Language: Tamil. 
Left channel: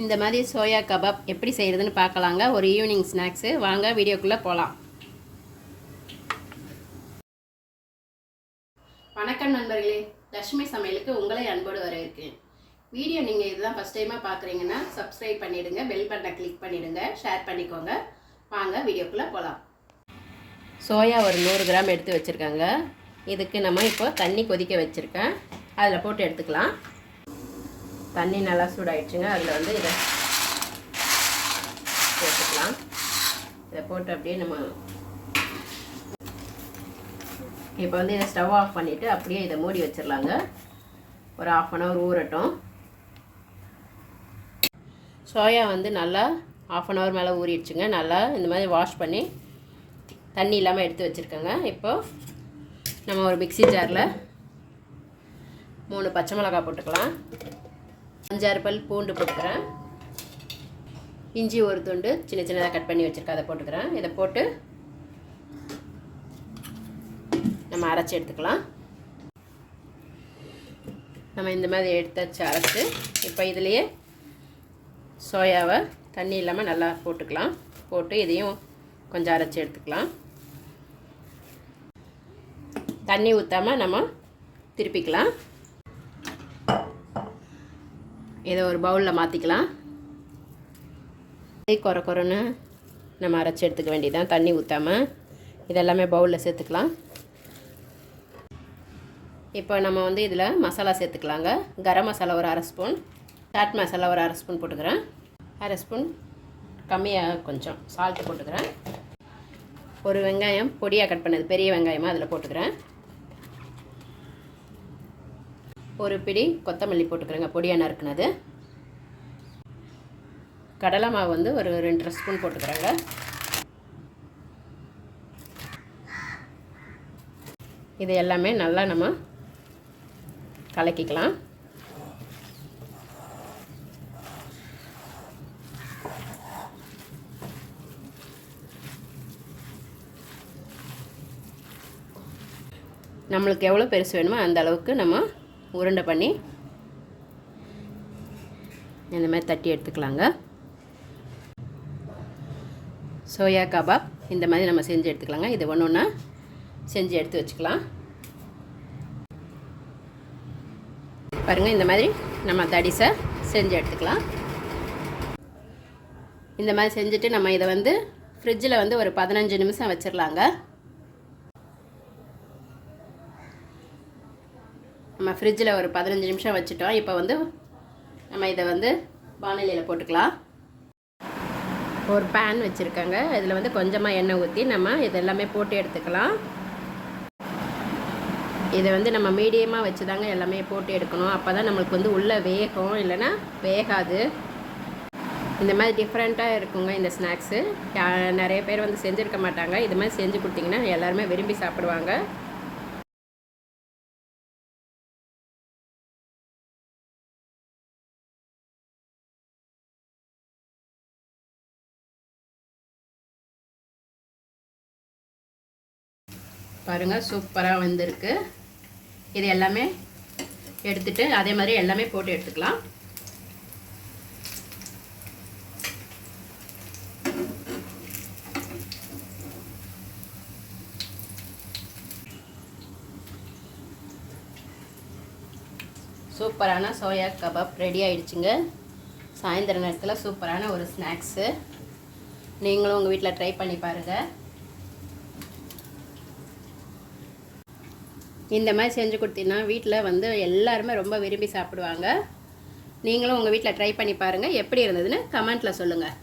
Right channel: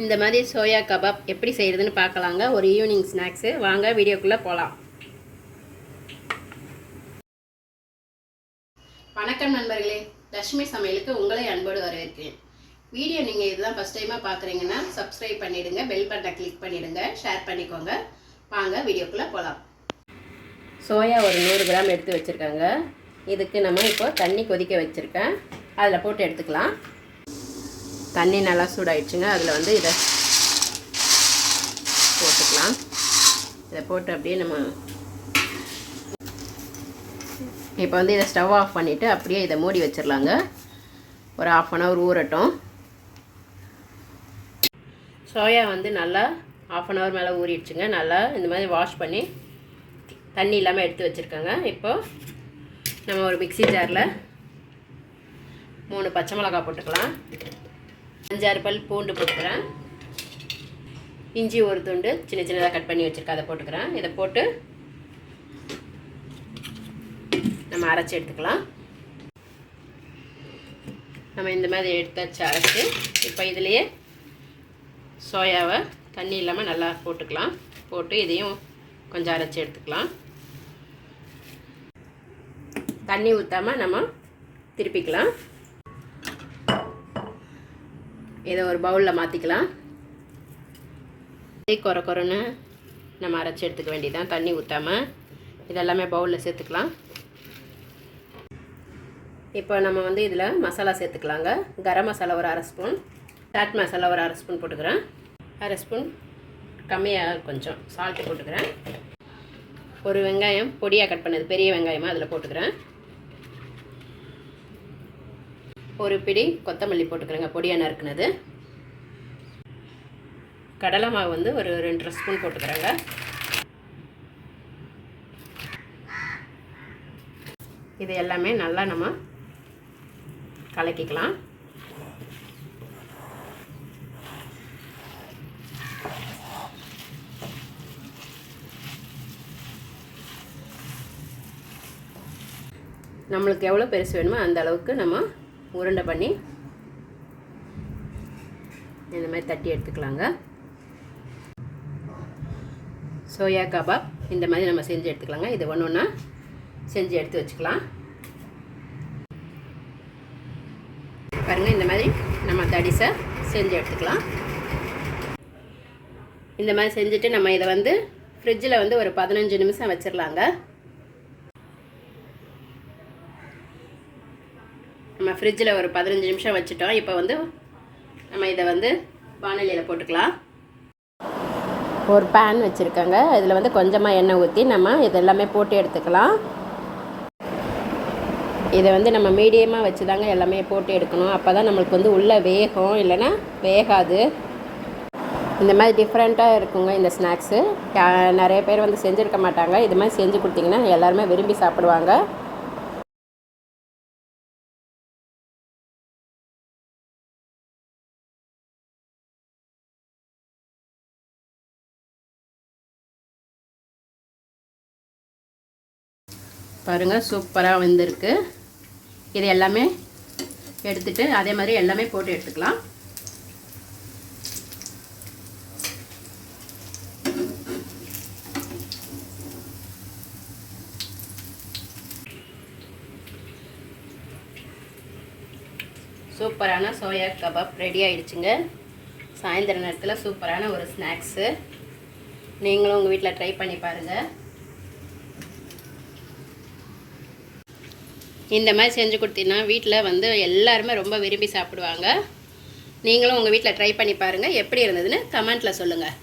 இந்த மாதிரி சோயா கபாப் எப்படி செய்கிறதுன்னு பார்க்கலாங்க. ஒரு ஈவினிங் ஸ்நாக்ஸு. வாங்க வீடியோக்குள்ளே போகலாம் வணக்கம் நண்பர்களே. லட்சுமி சமையலுக்கு உங்களை அன்போடு வரவேற்கிறேன். வீடியோ நீங்கள் இதுதான் ஃபஸ்ட் டைமாக பார்க்குறீங்கன்னா சப்ஸ்கிரைப் பண்ணிவிடுங்க பெல் பட்டனை கிளிக் பண்ணிவிடுங்க ஷேர் பண்ணிக்கோங்க. வாங்க வீடியோக்குள்ளே போகலாம் சோயா ஒரு நூறு கிராம் எடுத்து வச்சுருக்காங்க. இதுக்கு நம்ம இப்போ தண்ணி கொதிக்க வச்சுருக்கேன். அதில் போட்டு எடுத்துக்கலாம். தண்ணி நல்லா சூடாயிடுச்சுங்க. அதில் வந்து இதை போட்டுக்கலாம். இதை போட்டு அப்படியே நம்ம இப்போ வந்து இதை ஸ்டவ் ஆஃப் பண்ணிவிட்டு அப்படியே இதை மூடி வச்சிடலாங்க. ஒரு ஆஃப் அன் ஹவர் ஊறட்டும். சோயா வந்து நல்லா ஆஃப் அன் ஹவர் மேலே ஊறிடுச்சுங்க. நல்லா இந்த மாதிரி வாஷ் பண்ணி தண்ணி இல்லாமல் எடுத்து வச்சுருக்கேங்க. இப்போது நம்ம ஒரு மிக்ஸி ஜாரில் மூணு பச்சை மிளகா போட்டுக்கலாம். அஞ்சாறு பல் பூண்டு போட்டுக்கிறேன். இஞ்சி ஒரு துண்டு சின்ன சின்னதாக கட் பண்ணி வச்சுருக்கேன் அதை போட்டுக்கிறேன். இதை போட்டு நம்ம அரைச்சி எடுத்துக்கலாம். நம்ம இந்த மாதிரி எடுத்தாச்சு அரைச்சி. இப்போ இதுலேயே சோயாவை தண்ணி இல்லாமல் நல்லா போட்டுக்கலாம். போட்டு இதையும் கொஞ்சம் அரைச்சி எடுத்துக்கலாம். தண்ணி ஊற்றாமல் நம்ம திருப்பிக்கலாம். இதை ஒரு பவுலில் மாற்றிக்கலாம் குறை குறைன்னு நம்ம அரைச்சி எடுத்துக்க வேண்டியதான் தண்ணி ஊற்றாமல் இதெல்லாமே பவுலில் சேர்த்துக்கலாம். இப்போ நம்ம வந்து இதில் மசாலா சேர்த்துக்கலாங்க. கரம் மசாலா ஒரு அரை ஸ்பூன் சாட் மசாலா ஒரு அரை ஸ்பூன் போட்டுக்கிறேன். அரை ஸ்பூன் கம்மியாக கொஞ்சம் சால்ட்டு போட்டுக்கிறேன். ஒரு வெங்காயம் பொடியாக கட் பண்ணது பெரிய வெங்காயமாக அதில் போட்டுக்கிறேன். ஒரு பிடி கொத்தமல்லி போட்டுக்கிறேங்க. பொடியாக நறுக்குனது. கடலை மாவு வந்து ஒரு ரெண்டரை ஸ்பூன் போட்டுக்கிறேங்க. இது எல்லாமே நல்லா நம்ம கலக்கிக்கலாம். நம்மளுக்கு எவ்வளோ பெருசு வேணுமோ அந்த அளவுக்கு நம்ம உருண்டை பண்ணி இந்த மாதிரி தட்டி எடுத்துக்கலாங்க. சோயா கபாப் இந்த மாதிரி நம்ம செஞ்சு எடுத்துக்கலாங்க. இது ஒன்று ஒன்றா செஞ்சு எடுத்து வச்சுக்கலாம். பாருங்கள் இந்த மாதிரி நம்ம தடிசை செஞ்சு எடுத்துக்கலாம். இந்த மாதிரி செஞ்சுட்டு நம்ம இதை வந்து ஃப்ரிட்ஜில் வந்து ஒரு பதினஞ்சு நிமிஷம் வச்சிடலாங்க நம்ம ஃப்ரிட்ஜில் ஒரு பதினஞ்சு நிமிஷம் வச்சுட்டோம். இப்போ வந்து நம்ம இதை வந்து வானிலையில் போட்டுக்கலாம். ஒரு பேன் வச்சுருக்கோங்க. இதில் வந்து கொஞ்சமாக எண்ணெய் ஊற்றி நம்ம இதெல்லாமே போட்டு எடுத்துக்கலாம். இதை வந்து நம்ம மீடியமாக வச்சு தாங்க எல்லாமே போட்டு எடுக்கணும். அப்போ தான் நம்மளுக்கு வந்து உள்ளே வேகும். இல்லைன்னா வேகாது. இந்த மாதிரி டிஃப்ரெண்ட்டாக இருக்குங்க இந்த ஸ்நாக்ஸு நிறைய பேர் வந்து செஞ்சுருக்க மாட்டாங்க. இது மாதிரி செஞ்சு கொடுத்தீங்கன்னா எல்லாருமே விரும்பி சாப்பிடுவாங்க. பாருங்கள் சூப்பராக வந்திருக்கு. இது எல்லாமே எடுத்துட்டு அதே மாதிரி எல்லாமே போட்டு எடுத்துக்கலாம். சூப்பரான சோயா கபாப் ரெடி ஆயிடுச்சுங்க. சாயந்தர நேரத்தில் சூப்பரான ஒரு ஸ்நாக்ஸு. நீங்களும் உங்கள் வீட்டில் ட்ரை பண்ணி பாருங்கள் இந்த மாதிரி செஞ்சு கொடுத்தீங்கன்னா வீட்டில் வந்து எல்லாருமே ரொம்ப விரும்பி சாப்பிடுவாங்க. நீங்களும் உங்கள் வீட்டில் ட்ரை பண்ணி பாருங்கள் எப்படி இருந்ததுன்னு கமெண்ட்டில் சொல்லுங்கள்